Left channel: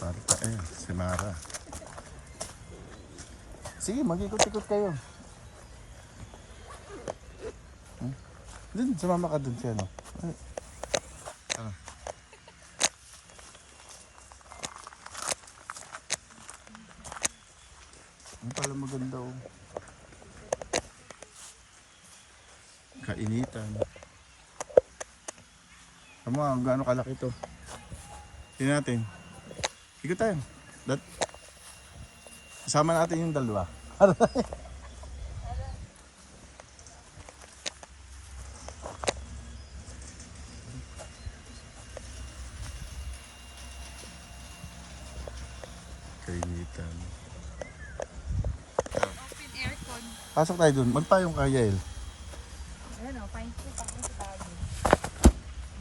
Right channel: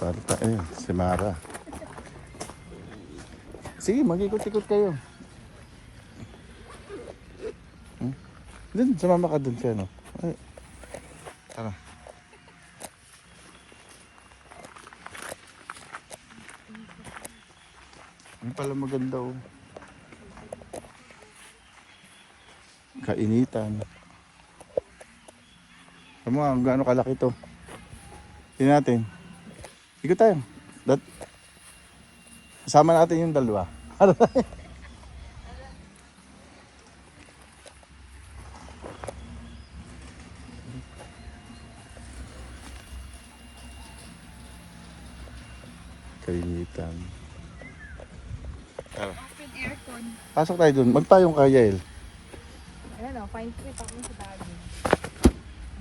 Para tayo, si Mara. Sige, mag-ikot-ikot kayo. Dun, sumama ka dun sa ano. Ay, tara. Ano pala maganda oh. Kainitan. Alam mo gaano kalaki to. Tingnan natin. Ikot tayo. Kasama natin yung dalawa. Kainitan. Pasok tayo dun. Magpayong ka, Yael. Ano, paint-trip ako sa bago.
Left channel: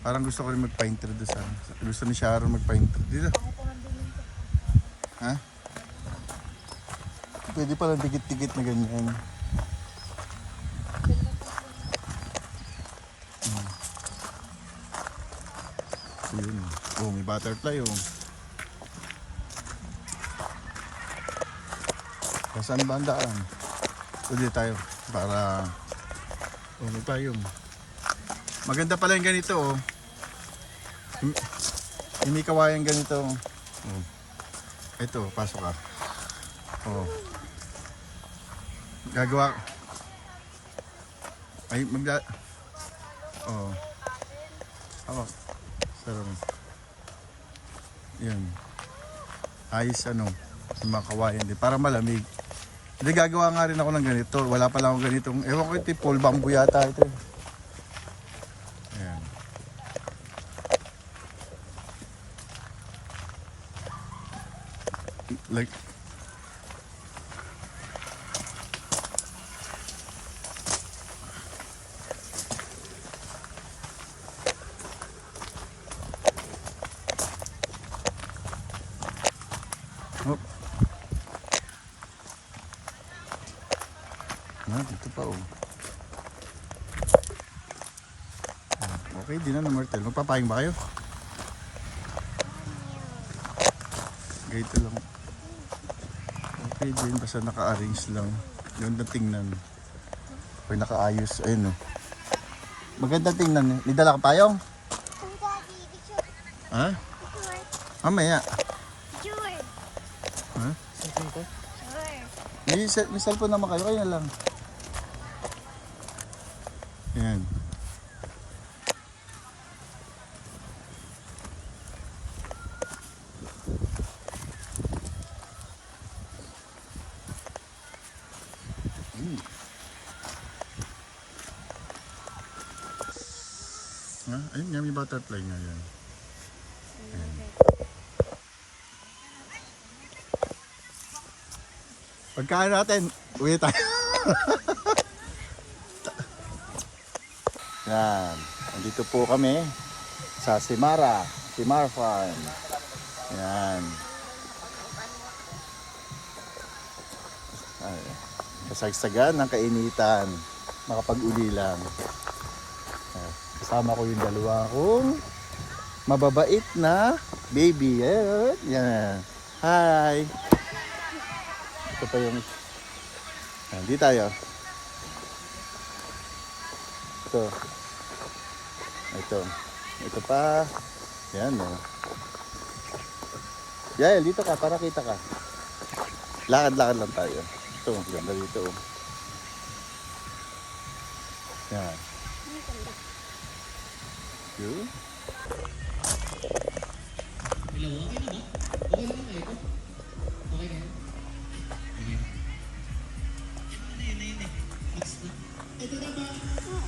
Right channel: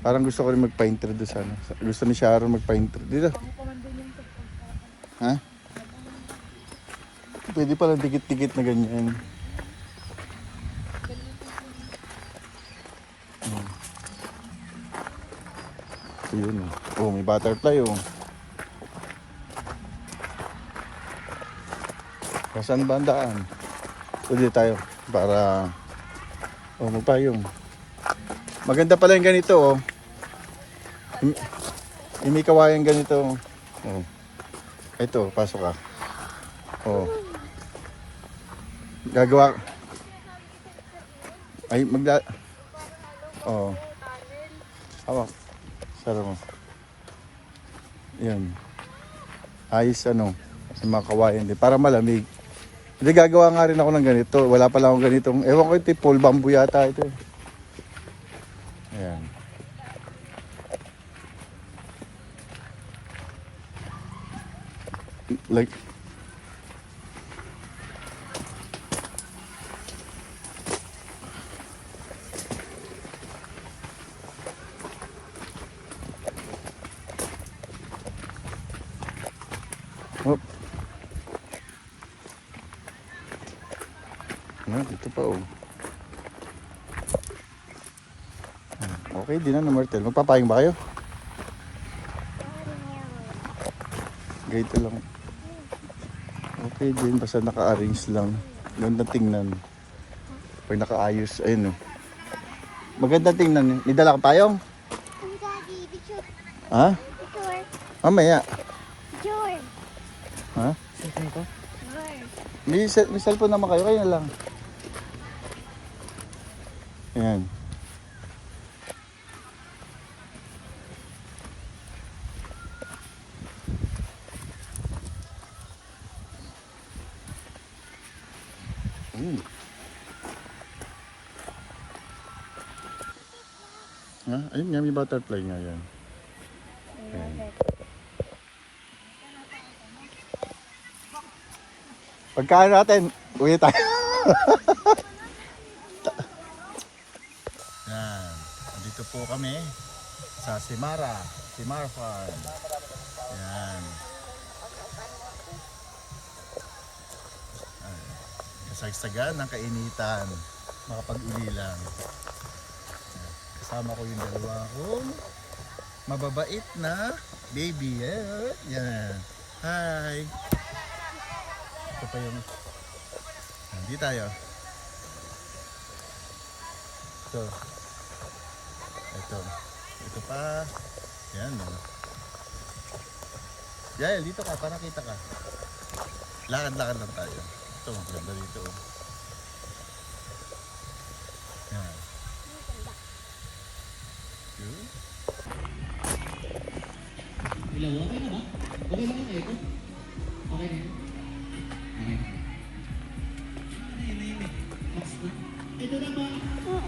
Parang gusto ko rin magpa-intro doon sa ano. Gusto ni Sharon magpa-intro. Dito. Ako pa man doon yung Ha? Pwede pala dikit-dikit na ganyan. So yun. Oh, may butterfly oh. Saan ba ang daan? Pwede tayo para magpayong. Maganda pala yung ganito oh. Yung may kawayan ganito. Oh. Ito, pasok ka. Oh. Gagawa. Ay, oh. Hawak. Saro mo. Yan. Ayos ano. Yung mga kawayan din. Para malamig. Hindi gagawa nga rin ako ng ganito. Wala pala akong ganitong. Ewan ko ito. Pole bamboo yata ito. Ayan. Like. Oh. Dito pa oh. Okay, di na Martel. Magpapayong ba kayo? Ganito lang. Okay din, basta naka-arrange lang. Ganda tingnan. Pag nakaayos, ayun oh. Maganda tingnan. May dala ka payong? Ha? Mamaya. George! Ha? George! May cellphone naman kayo, kaya lang. Ayan. Ha? Ayun nga, may butterfly nga yan. Ayan. Pagkain natin, uwi tayo. Yan. Nandito po kami sa Simara Farm. Yan. Ay, kasagsagan ng kainitan. Makapag-uli lang. Kasama ko yung dalawa kong mababait na baby. Yan. Hi. Ito pa yung... Hindi tayo. Ito. Ito. Ito pa. Yan o. Yael, dito ka para kita ka. Lakad-lakad lang tayo. Ito, ganda dito o. Yan. Good. Hello, okay na ba? Okay na ba ito? Okay na yun?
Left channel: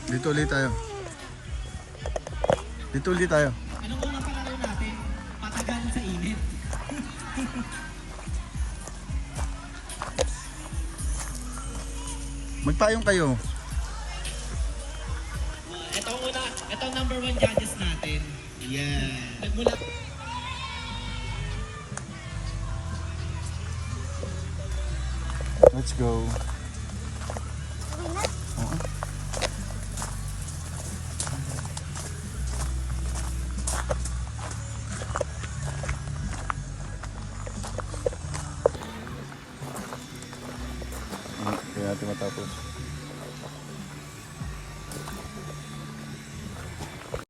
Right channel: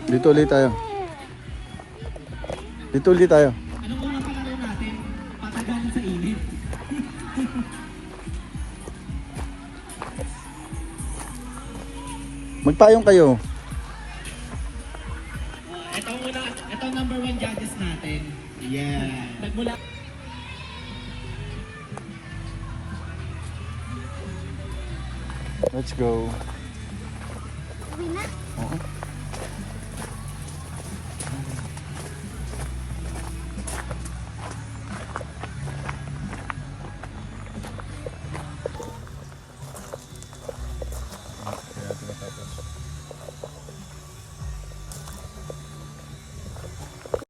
Dito ulit tayo. Dito ulit tayo. Anong unang palaran natin? Patagal sa init. Magpayong kayo. Ito number 1 judges natin. Yeah. Nagmula. Let's go. Oo. matapos.